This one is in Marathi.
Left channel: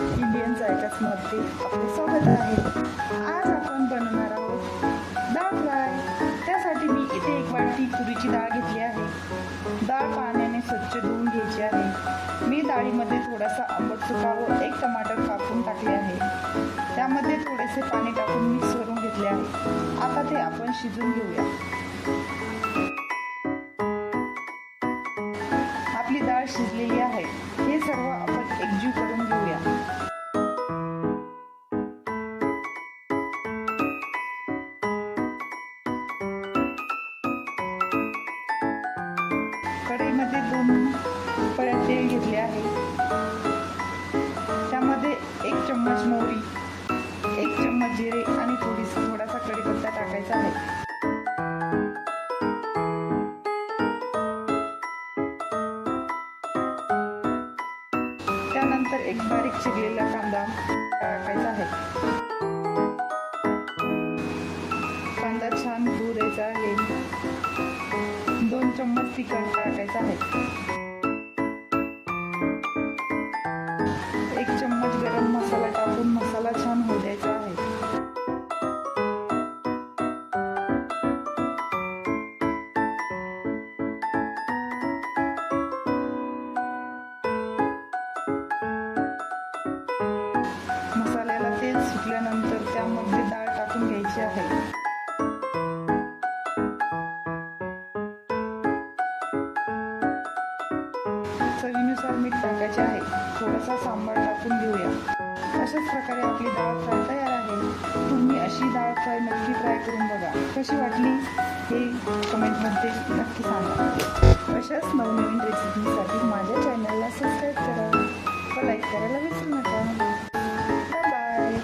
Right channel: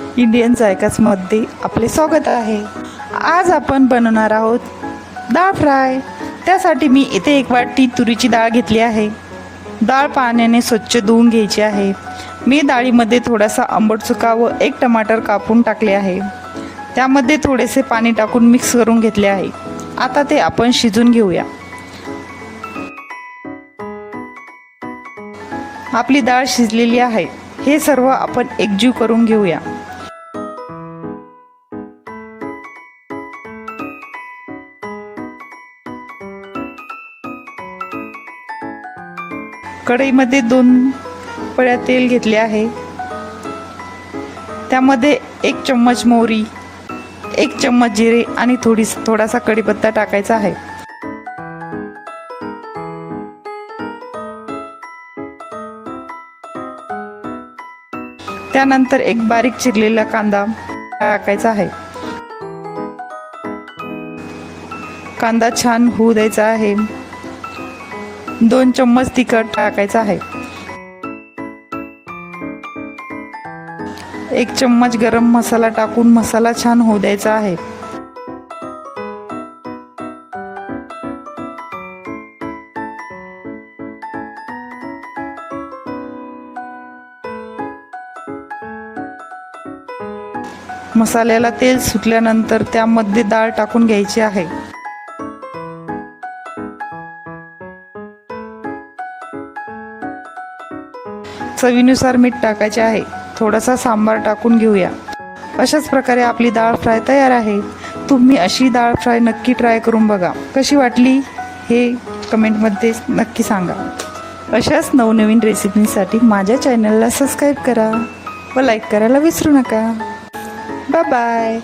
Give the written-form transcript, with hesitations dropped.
इंडियन जायकाजमध्ये आपले स्वागत आहे। आज आपण बनवणार आहोत डाळ फ्राय। त्यासाठी मी इथे एक वाटी तुरीची डाळ घेतली आहे। डाळ पाण्याने स्वच्छ धुवून घ्यायची आहे। मी डाळीमध्ये थोडासा आंबट चुका व एक टमाटर कापून टाकले आहे। त्यामध्ये थोडेसे पाणी टाकून मिक्स करून घेतले आहे। आता ते आपण शिजून घेऊया। आपली डाळ शिजलेली आहे। हे सर्व आपण एकजीव करून घेऊया। कढईमध्ये 2 पळ्या तेल घेतले आहे। त्यामध्ये 1 चम्मच मोहरी, 1 चम्मच जिरे आणि थोडासा कढीपत्ता टाकायचा आहे। त्यानंतर एक बारीक चिरलेला कांदा टाकायचा आहे। कांदा छान होऊ द्यायचा आहे। 2 चम्मच तिखट टाकायचा आहे। 1 चम्मच गरम मसाला टाकून मसाला छान होऊ द्यायचा आहे। मसाल्याला तेल सुटल्यानंतर त्यामध्ये डाळ टाकून घ्यायची आहे। चवीनुसार मीठ टाकायचे आहे। थोडासा सांबार टाकून घेऊया। अशाच प्रकारे आपली डाळ फ्राय तयार आहे। तुम्ही अशी डाळ फ्राय नक्की ट्राय करून बघा। कशी वाटली हे कमेंटमध्ये नक्की सांगा। अशाच नवनवीन रेसिपीसाठी माझ्या चॅनलला सबस्क्राईब करा व लाईक करायला विसरू नका। Bye bye.